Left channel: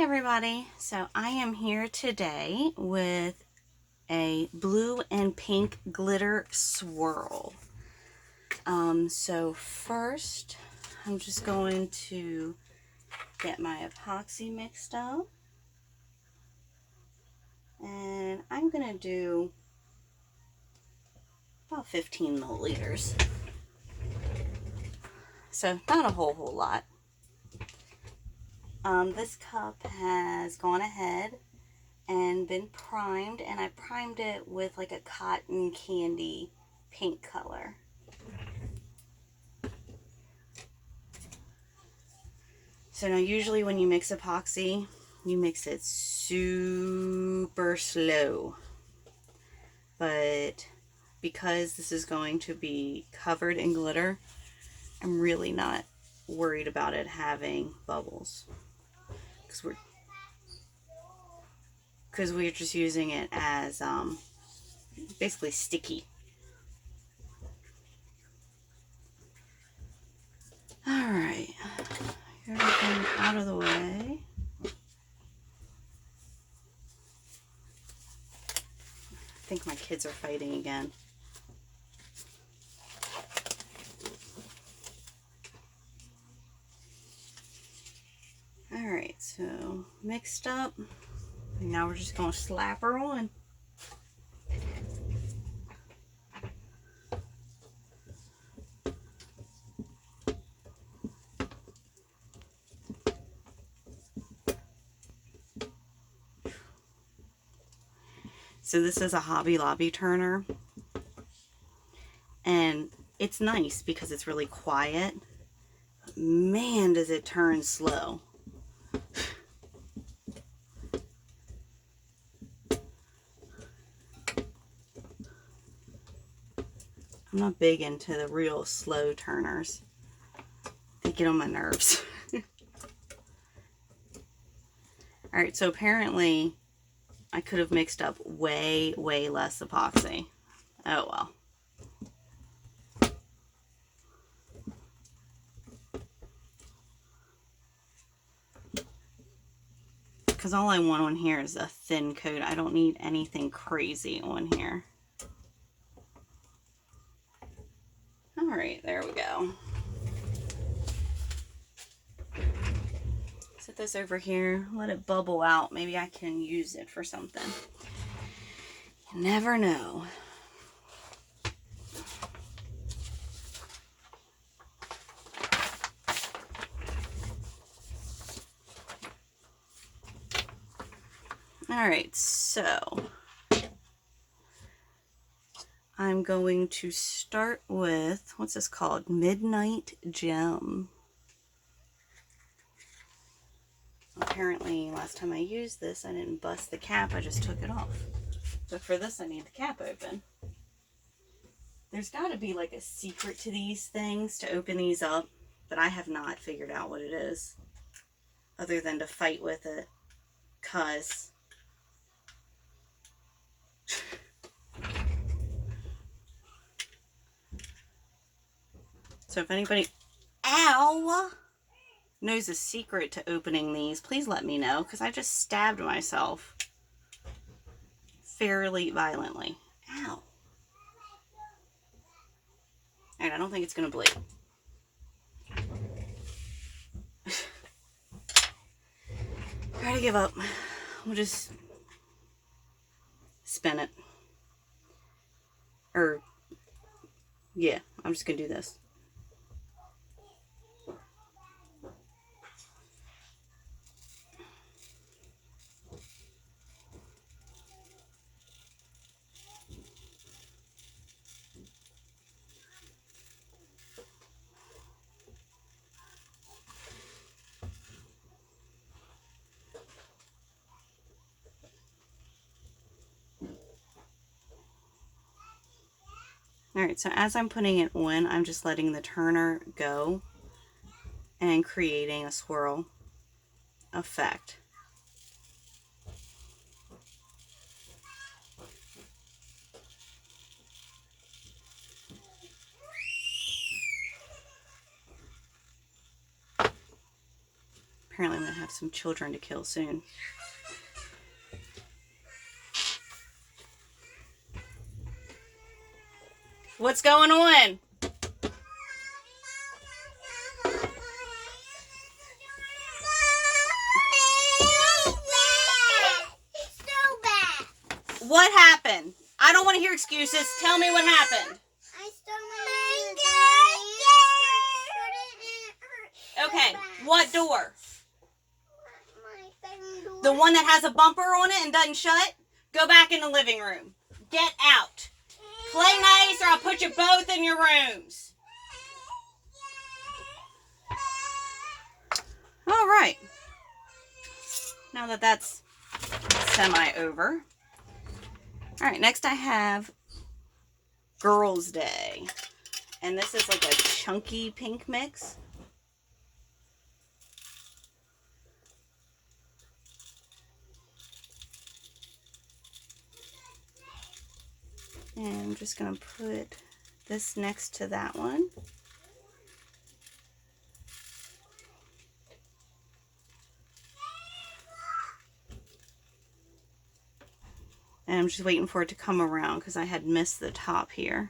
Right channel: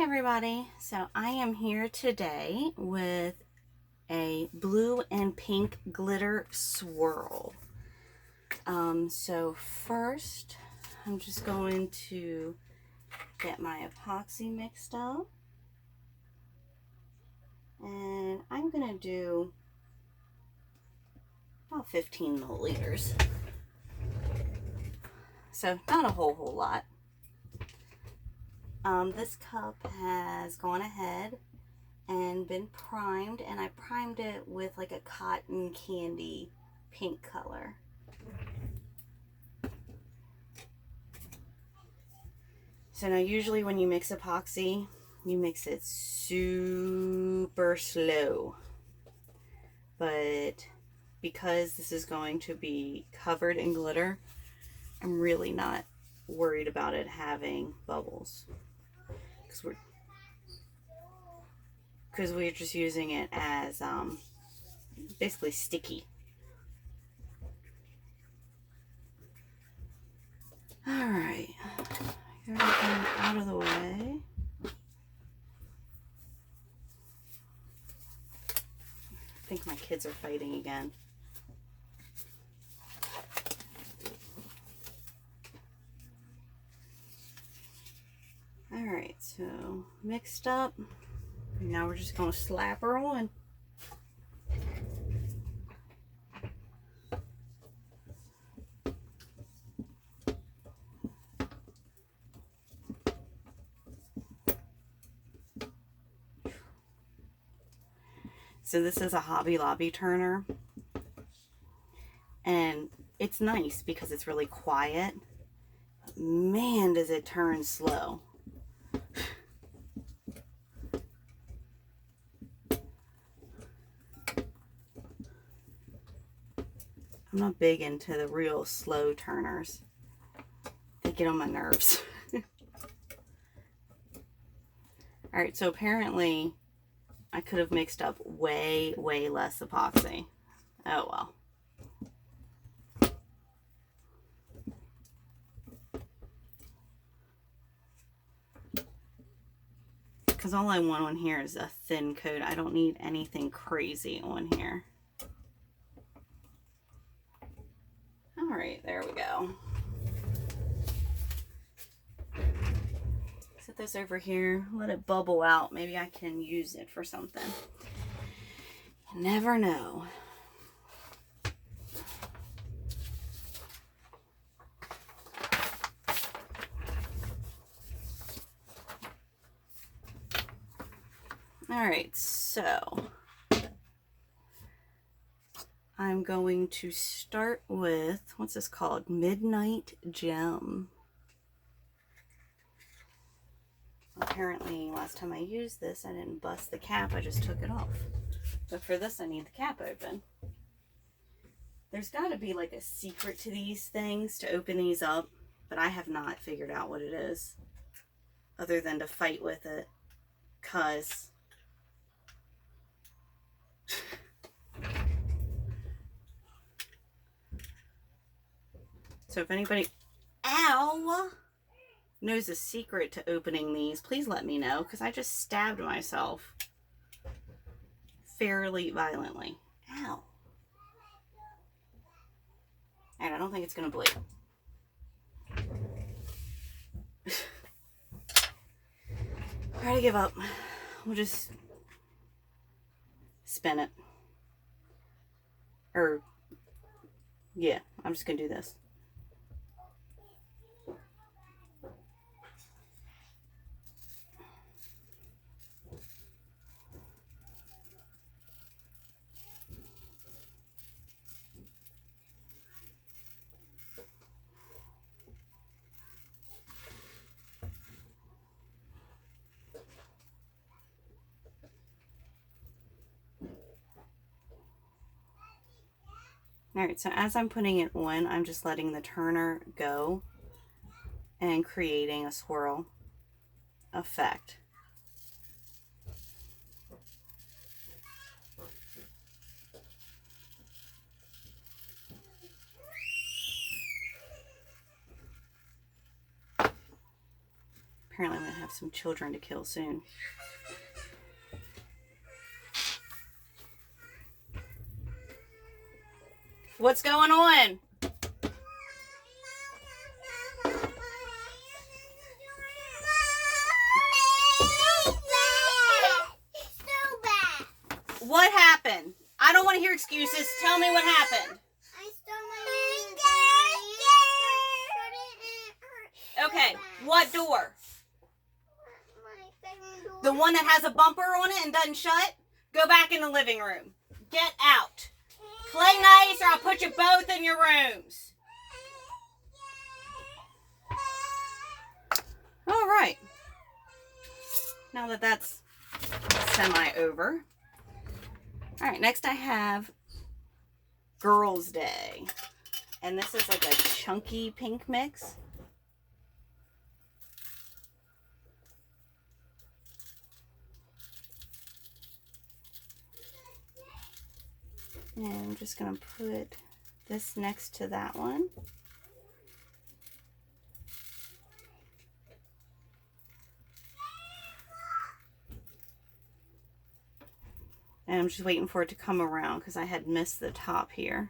Hi everybody, so I am here today with a blue and pink glitter swirl. So first I'm just going to get my epoxy mixed up, and I'm going to do about 15 milliliters, so not a whole lot. This cup has gone ahead and been primed, and I primed it with like a cotton candy pink color. So now usually when you mix epoxy, you mix it super slow, but because this is going to be covered in glitter, I'm really not worried about it having bubbles, because we're just using it as basically sticky. Alright, everything out of the way. I think my kids are fighting again. Alright, so mixed up. Now we're just going to slap her on. So this is a Hobby Lobby turner, and it's nice because it's really quiet. But man, does it turn slow. I'm not big into the real slow turners. They get on my nerves. Alright, so apparently I could have mixed up way less epoxy. Oh well. Because all I want on here is a thin coat. I don't need anything crazy on here. Alright, there we go. Set this over here, let it bubble out. Maybe I can use it for something. You never know. Alright, so I'm going to start with, what's this called? Midnight Gem. Apparently, last time I used this, I didn't bust the cap, I just took it off. But for this, I need the cap open. There's got to be like a secret to these things to open these up, but I have not figured out what it is, other than to fight with it, cause so if anybody, ow, knows a secret to opening these, please let me know, because I just stabbed myself fairly violently. Ow. Alright, I don't think it's going to bleed. Try to give up. We'll just spin it. Or, yeah, I'm just going to do this. Alright, so as I'm putting it on, I'm just letting the turner go and creating a swirl effect. Apparently I'm going to have some children to kill soon. What's going on? What happened? I don't want to hear excuses. Tell me what happened. I stole my Okay, what door? door. The one that has a bumper on it and doesn't shut? Go back in the living room. Get out. Play nice or I'll put you both in your rooms. All right. Now that that's semi-over. All right, next I have Girls' Day. And this is like a chunky pink mix. And I'm just going to put this next to that one. And I'm just waiting for it to come around because I had missed the top here.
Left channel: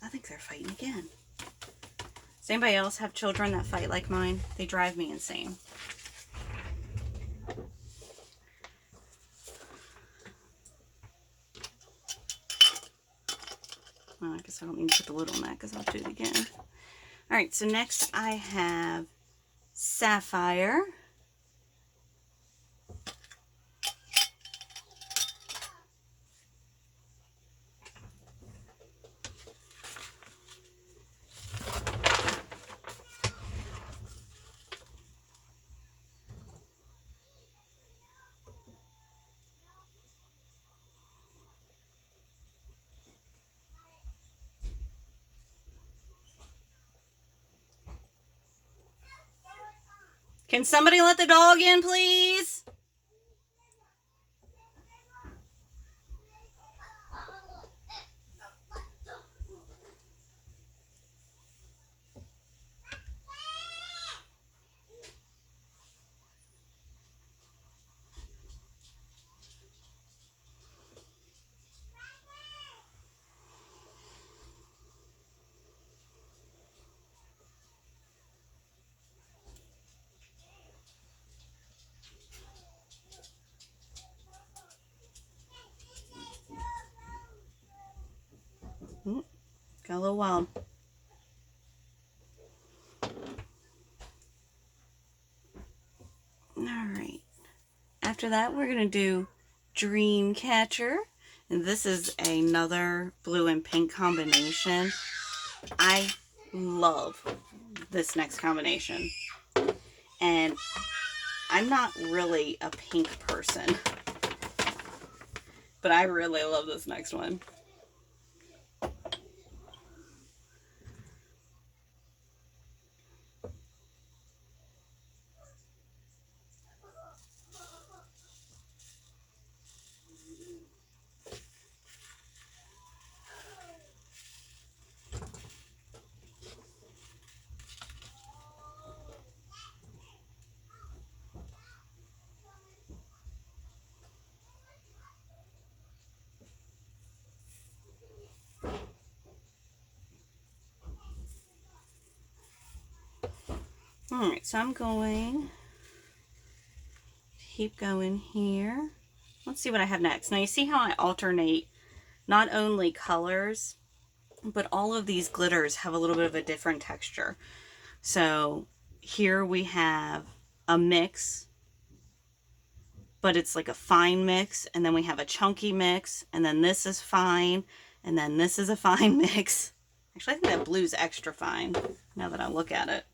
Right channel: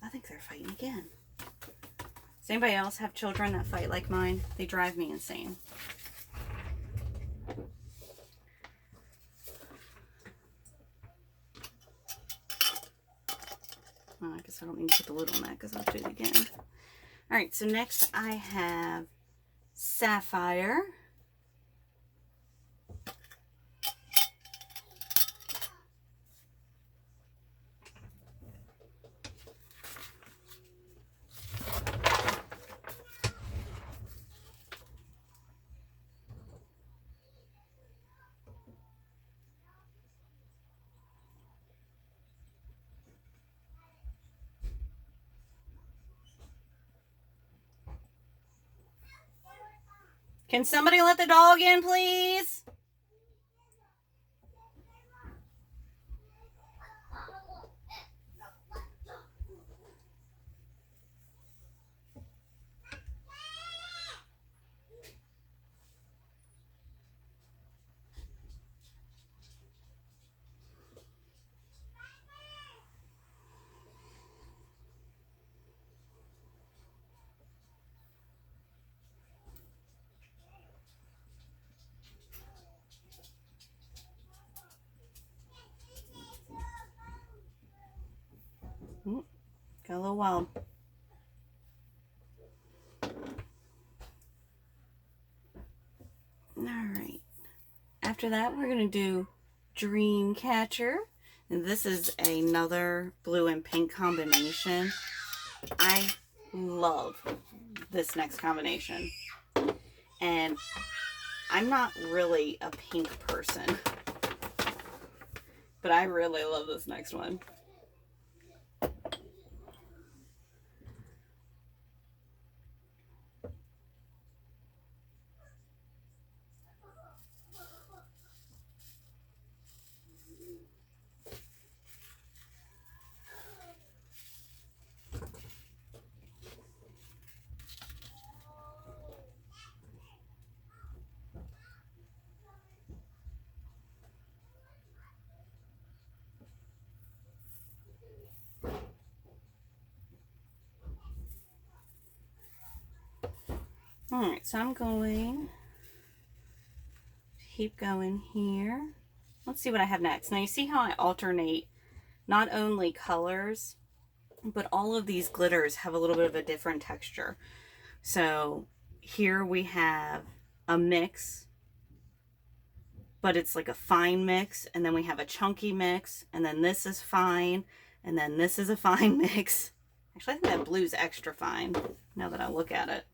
I think they're fighting again. Does anybody else have children that fight like mine? They drive me insane. Oh, I guess I don't need to put the lid on that because I'll do it again. Alright, so next I have Sapphire. Can somebody let the dog in, please? Got a little wild. Alright. After that, we're going to do Dreamcatcher. And this is another blue and pink combination. I love this next combination. And I'm not really a pink person. But I really love this next one. Alright, so I'm going to keep going here. Let's see what I have next. Now you see how I alternate not only colors, but all of these glitters have a little bit of a different texture. So here we have a mix, but it's like a fine mix, and then we have a chunky mix, and then this is fine, and then this is a fine mix. Actually, I think that blue's extra fine now that I look at it.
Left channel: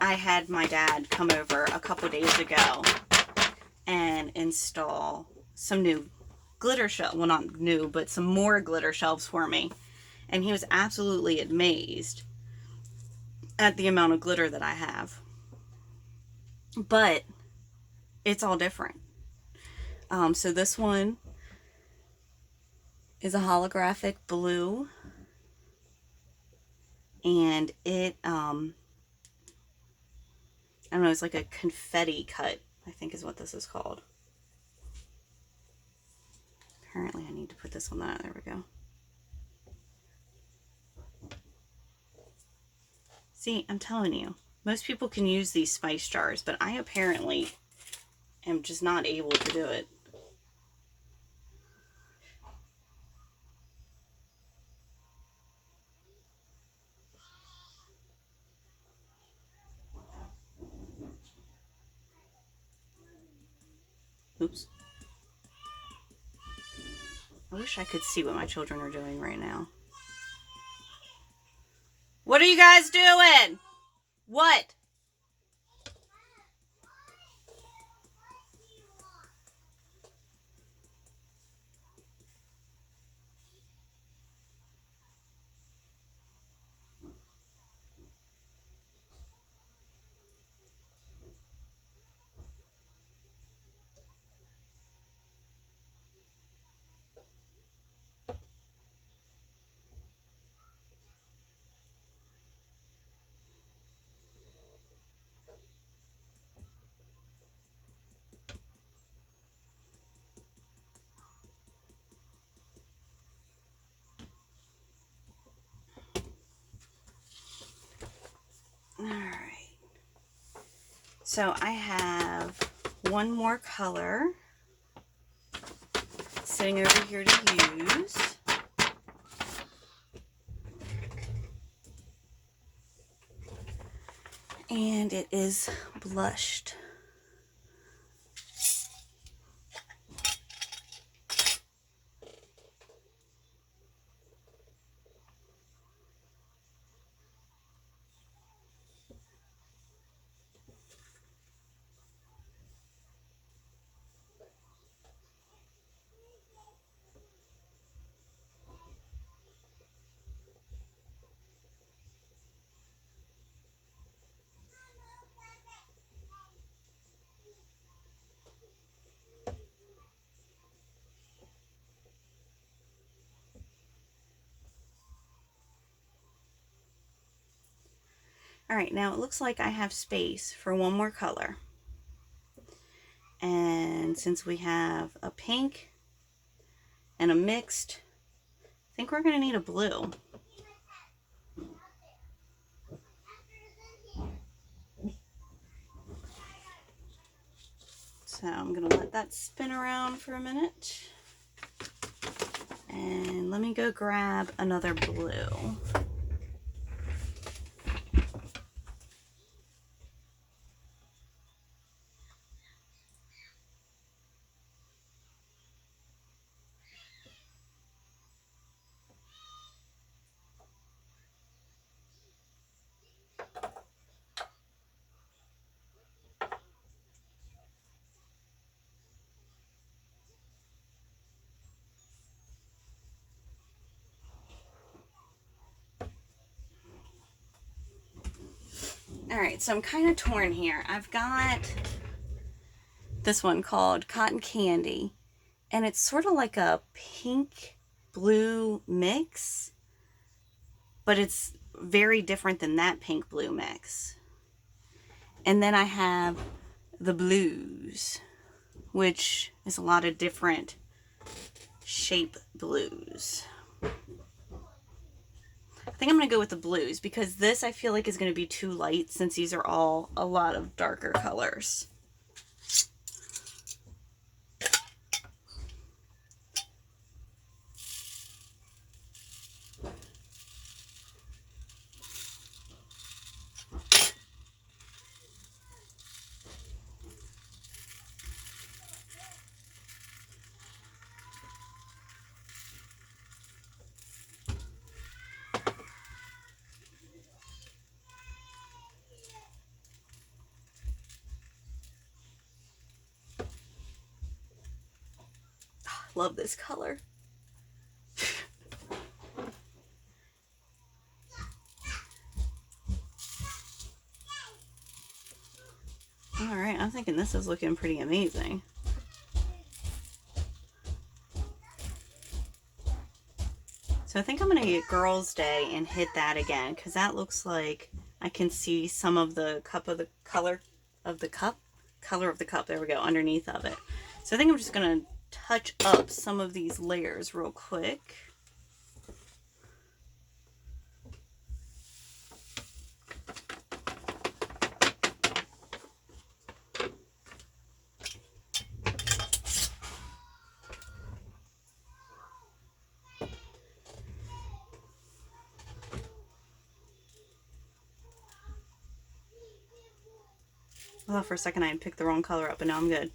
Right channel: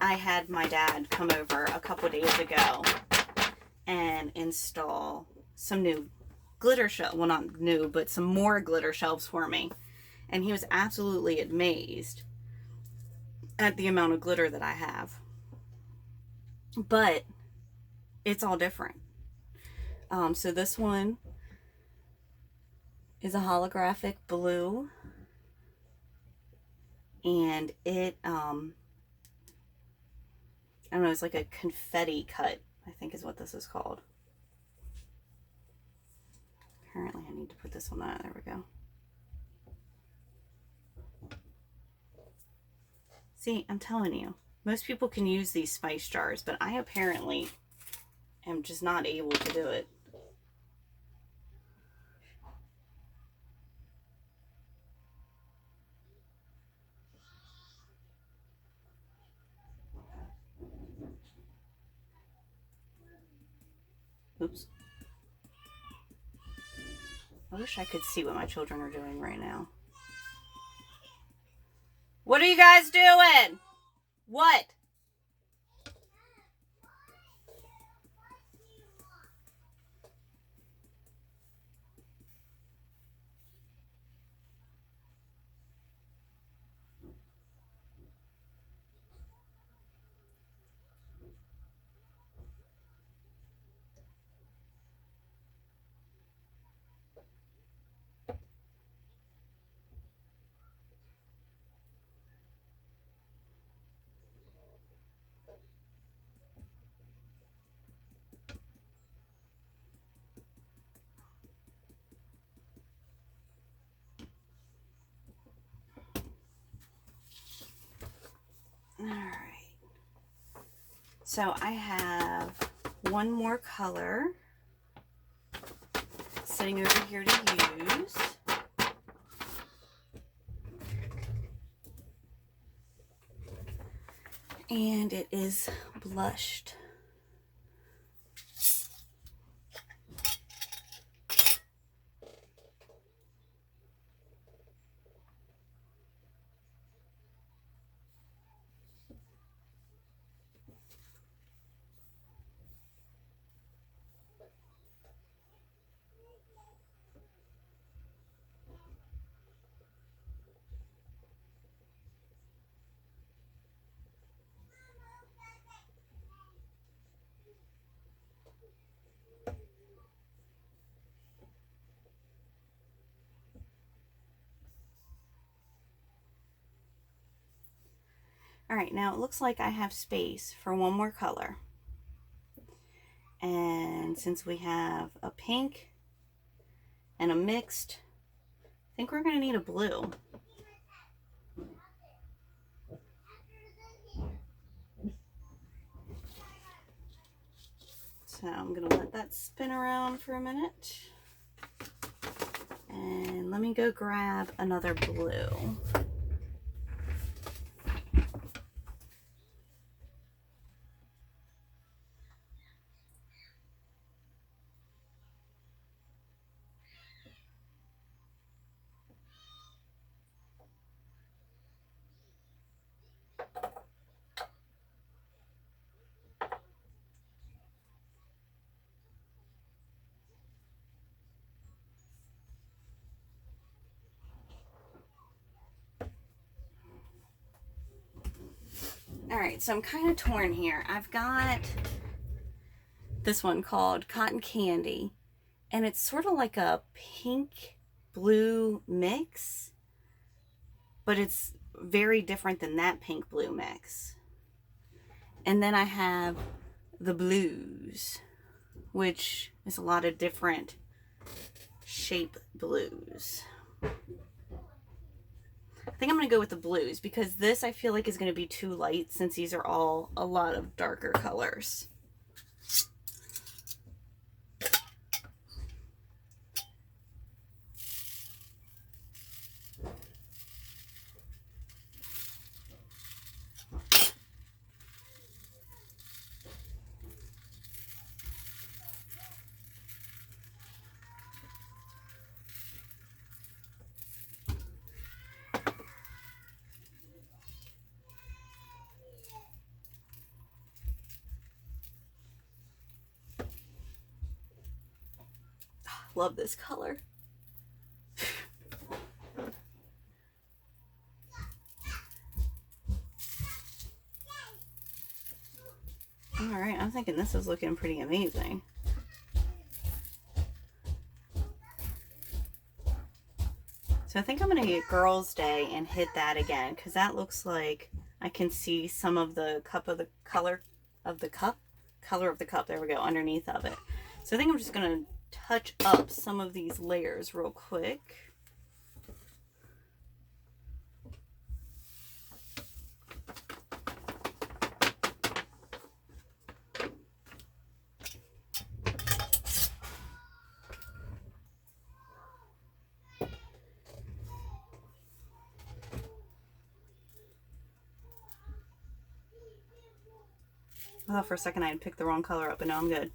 I had my dad come over a couple days ago and install some new glitter shelves. Well, not new, but some more glitter shelves for me. And he was absolutely amazed at the amount of glitter that I have. But it's all different. So this one is a holographic blue. And it, I don't know, it's like a confetti cut, I think is what this is called. Apparently I need to put this one on. There we go. See, I'm telling you, most people can use these spice jars, but I apparently am just not able to do it. Oops. I wish I could see what my children are doing right now. What are you guys doing? What? Alright. So I have one more color sitting over here to use. And it is blushed. All right, now it looks like I have space for one more color. And since we have a pink and a mixed, I think we're gonna need a blue. So I'm gonna let that spin around for a minute. And let me go grab another blue. All right, so I'm kind of torn here. I've got this one called Cotton Candy, and it's sort of like a pink blue mix, but it's very different than that pink blue mix. And then I have the blues, which is a lot of different shape blues. I think I'm going to go with the blues because this I feel like is going to be too light since these are all a lot of darker colors. love this color. Alright, I'm thinking this is looking pretty amazing. So I think I'm going to get Girls' Day and hit that again, because that looks like I can see some of the color of the cup, there we go, underneath of it. So I think I'm just going to touch up some of these layers real quick. I thought for a second I had picked the wrong color up, but now I'm good.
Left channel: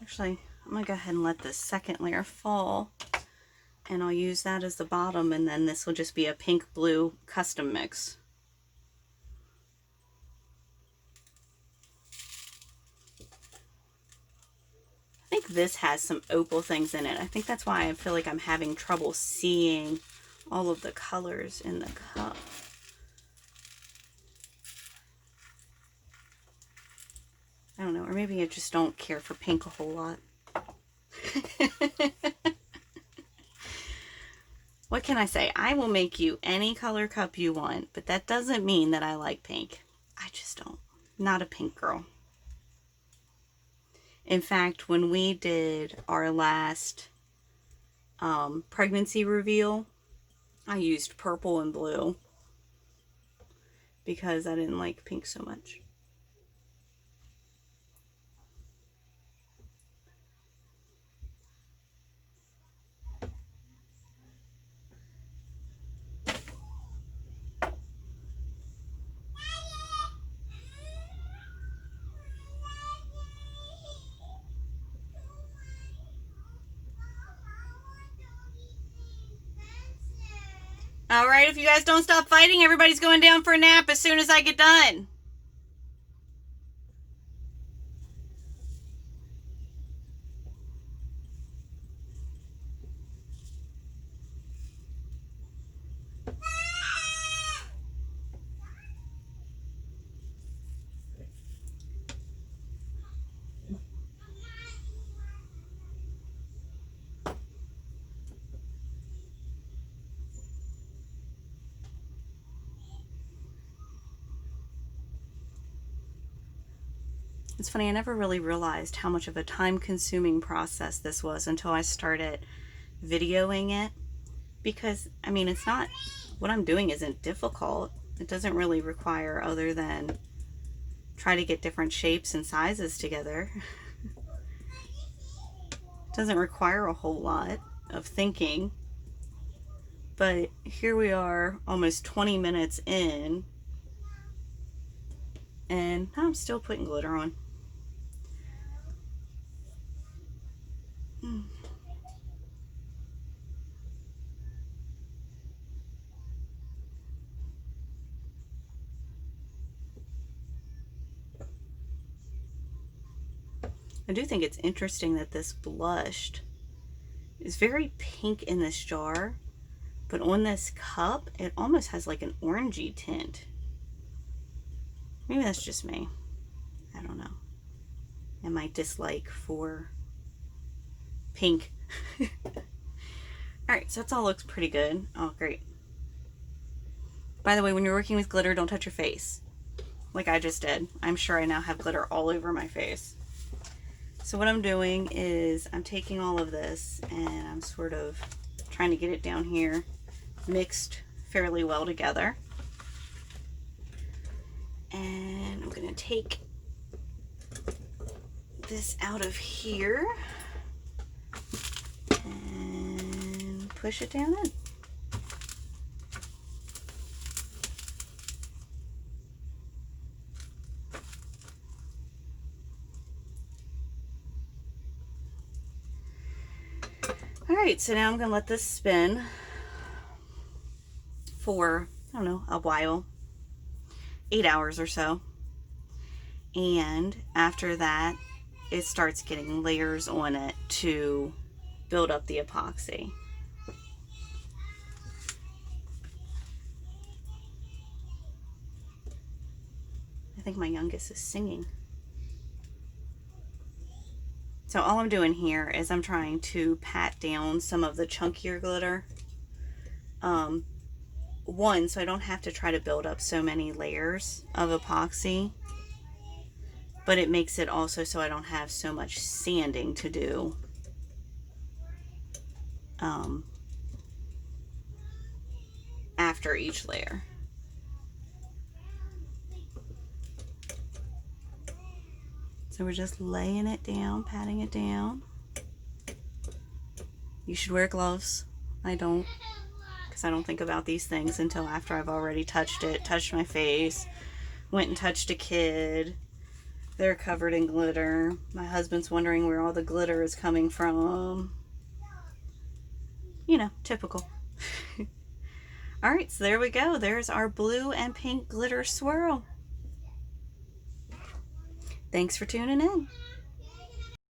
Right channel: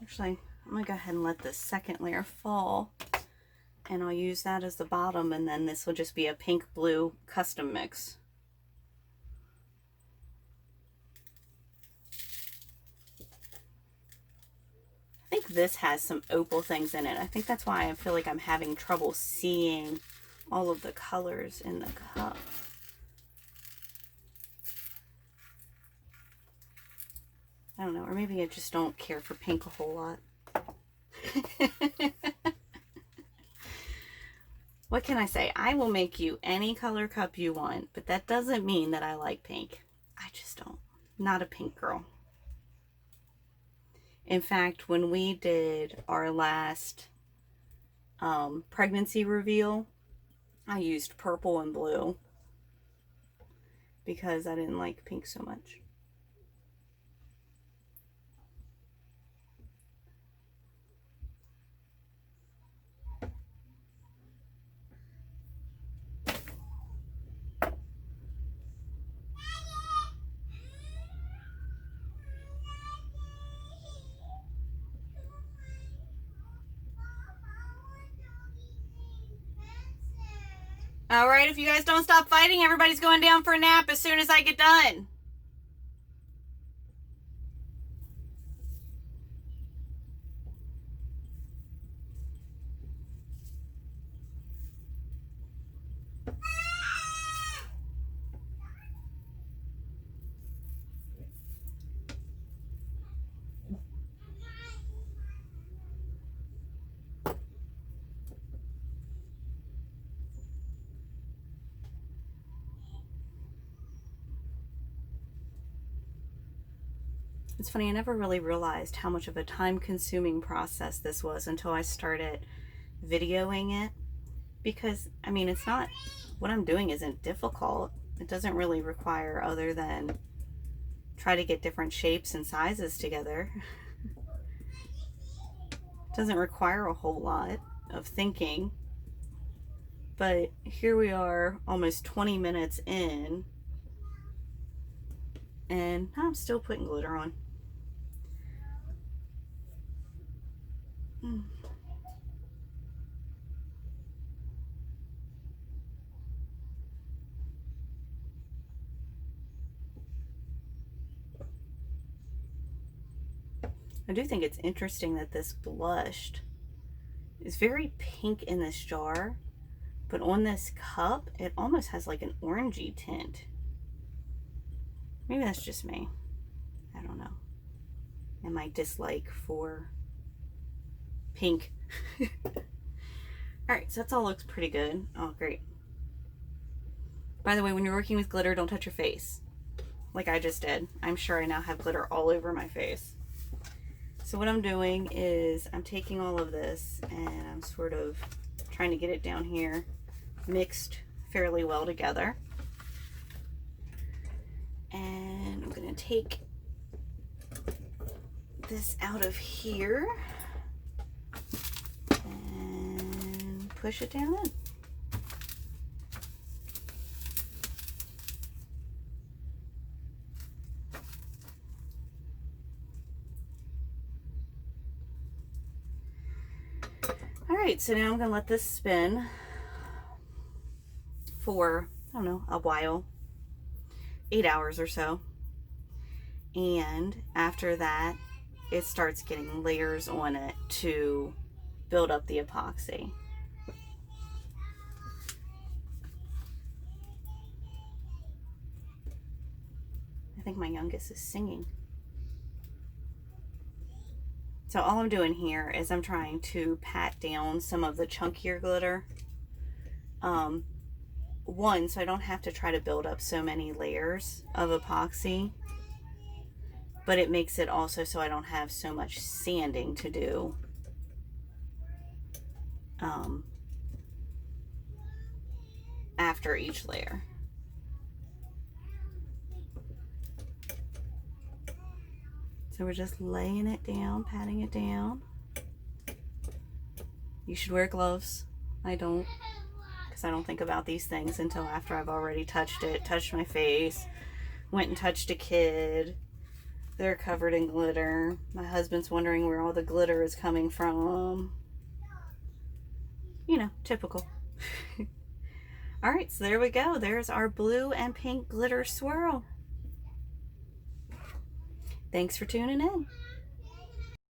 Actually, I'm going to go ahead and let this second layer fall, and I'll use that as the bottom, and then this will just be a pink-blue custom mix. I think this has some opal things in it. I think that's why I feel like I'm having trouble seeing all of the colors in the cup. I don't know, or maybe I just don't care for pink a whole lot. What can I say? I will make you any color cup you want, but that doesn't mean that I like pink. I just don't. Not a pink girl. In fact, when we did our last pregnancy reveal, I used purple and blue because I didn't like pink so much. All right, if you guys don't stop fighting, everybody's going down for a nap as soon as I get done. It's funny, I never really realized how much of a time-consuming process this was until I started videoing it. Because, I mean, it's not, what I'm doing isn't difficult. It doesn't really require other than try to get different shapes and sizes together. It doesn't require a whole lot of thinking. But here we are, almost 20 minutes in, and I'm still putting glitter on. I do think it's interesting that this blush is very pink in this jar, but on this cup, it almost has like an orangey tint. Maybe that's just me. I don't know. And my dislike for pink. Alright, so that's all looks pretty good. Oh, great. By the way, when you're working with glitter, don't touch your face. Like I just did. I'm sure I now have glitter all over my face. So what I'm doing is I'm taking all of this and I'm sort of trying to get it down here mixed fairly well together. And I'm going to take this out of here and push it down in. Alright, so now I'm going to let this spin for, I don't know, a while, 8 hours or so. And after that, it starts getting layers on it to build up the epoxy. I think my youngest is singing. So all I'm doing here is I'm trying to pat down some of the chunkier glitter. One, so I don't have to try to build up so many layers of epoxy. But it makes it also so I don't have so much sanding to do. After each layer. So we're just laying it down, patting it down. You should wear gloves. I don't, because I don't think about these things until after I've already touched it, touched my face, went and touched a kid. They're covered in glitter. My husband's wondering where all the glitter is coming from. You know, typical. Alright, so there we go. There's our blue and pink glitter swirl. Thanks for tuning in.